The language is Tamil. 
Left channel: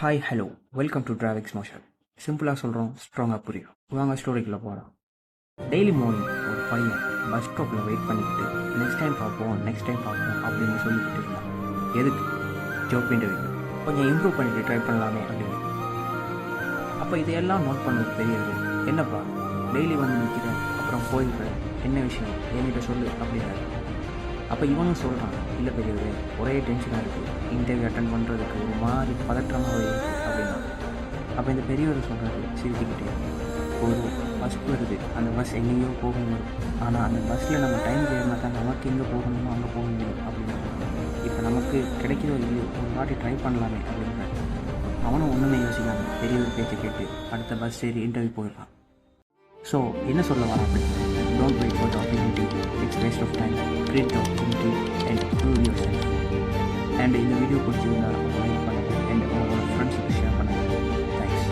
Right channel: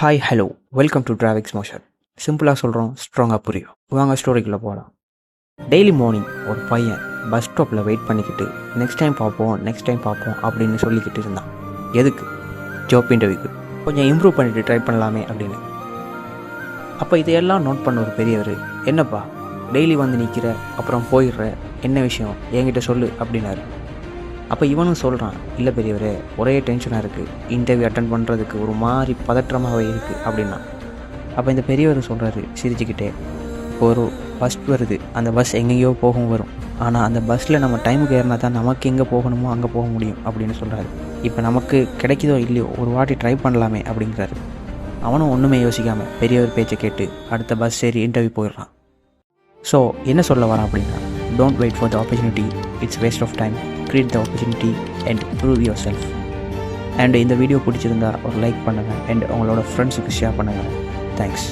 Hi hello welcome to Travix Motion. சிம்பிளாக சொல்கிறோம், ஸ்ட்ராங்காக புரியும். வாங்க ஸ்டோரிக்குள்ளே போகலாம். டெய்லி மார்னிங் ஒரு பையன் பஸ் ஸ்டாப்பில் வெயிட் பண்ணிக்கிட்டு நெக்ஸ்ட் டைம் பார்ப்போம் அப்படின்னு சொல்லிக்கிட்டு இருந்தான். எதுக்கு? ஜாப் இன்டர்வியூக்கு. கொஞ்சம் இம்ப்ரூவ் பண்ணிவிட்டு ட்ரை பண்ணலாமே அப்படின்னு. அப்போ இதையெல்லாம் நோட் பண்ண ஒரு பெரியவர், என்னப்பா டெய்லி வந்து நிற்கிற அப்புறம் போயிடுற, என்ன விஷயம் என்கிட்ட சொல்லு அப்படின்னாரு. அப்போ இவனும் சொல்கிறான், இல்லை பெரியவரே, ஒரே டென்ஷனாக இருக்குது, இன்டர்வியூ அட்டன் பண்ணுறதுக்கு ஒரு மாதிரி பதற்றமாகவே இருக்குது அப்படின்னா. அப்போ இந்த பெரியவர் சொல்கிறாரு சிரிச்சுக்கிட்டே, ஒரு பஸ் வருது, அந்த பஸ் எங்கேயோ வரும், ஆனால் அந்த பஸ்ஸில் நம்ம டைமுக்கு ஏறினா தான் நமக்கு எங்கே போகணுமோ அங்கே போக முடியும் அப்படின்னு சொல்கிறாரு. இப்போ நமக்கு கிடைக்குதோ இல்லையோ ஒரு வாட்டி ட்ரை பண்ணலாமே அப்படிங்கிறாரு. அவனும் ஒன்றுமே யோசிக்காமல் பெரியவர் பேச்சை கேட்டு அடுத்த பஸ் ஏறி இன்டர்வியூ போயிடுறான். ஸோ என்ன சொல்ல வரான் அப்படின்னா, don't wait for the opportunity, it's waste of time, create the opportunity and prove yourself. And இந்த வீடியோ பிடிச்சிருந்தால் ஒரு லைக் பண்ணுங்கள் அண்ட் உங்களோட ஃப்ரெண்ட்ஸுக்கு ஷேர் பண்ணுங்கள். தேங்க்ஸ்.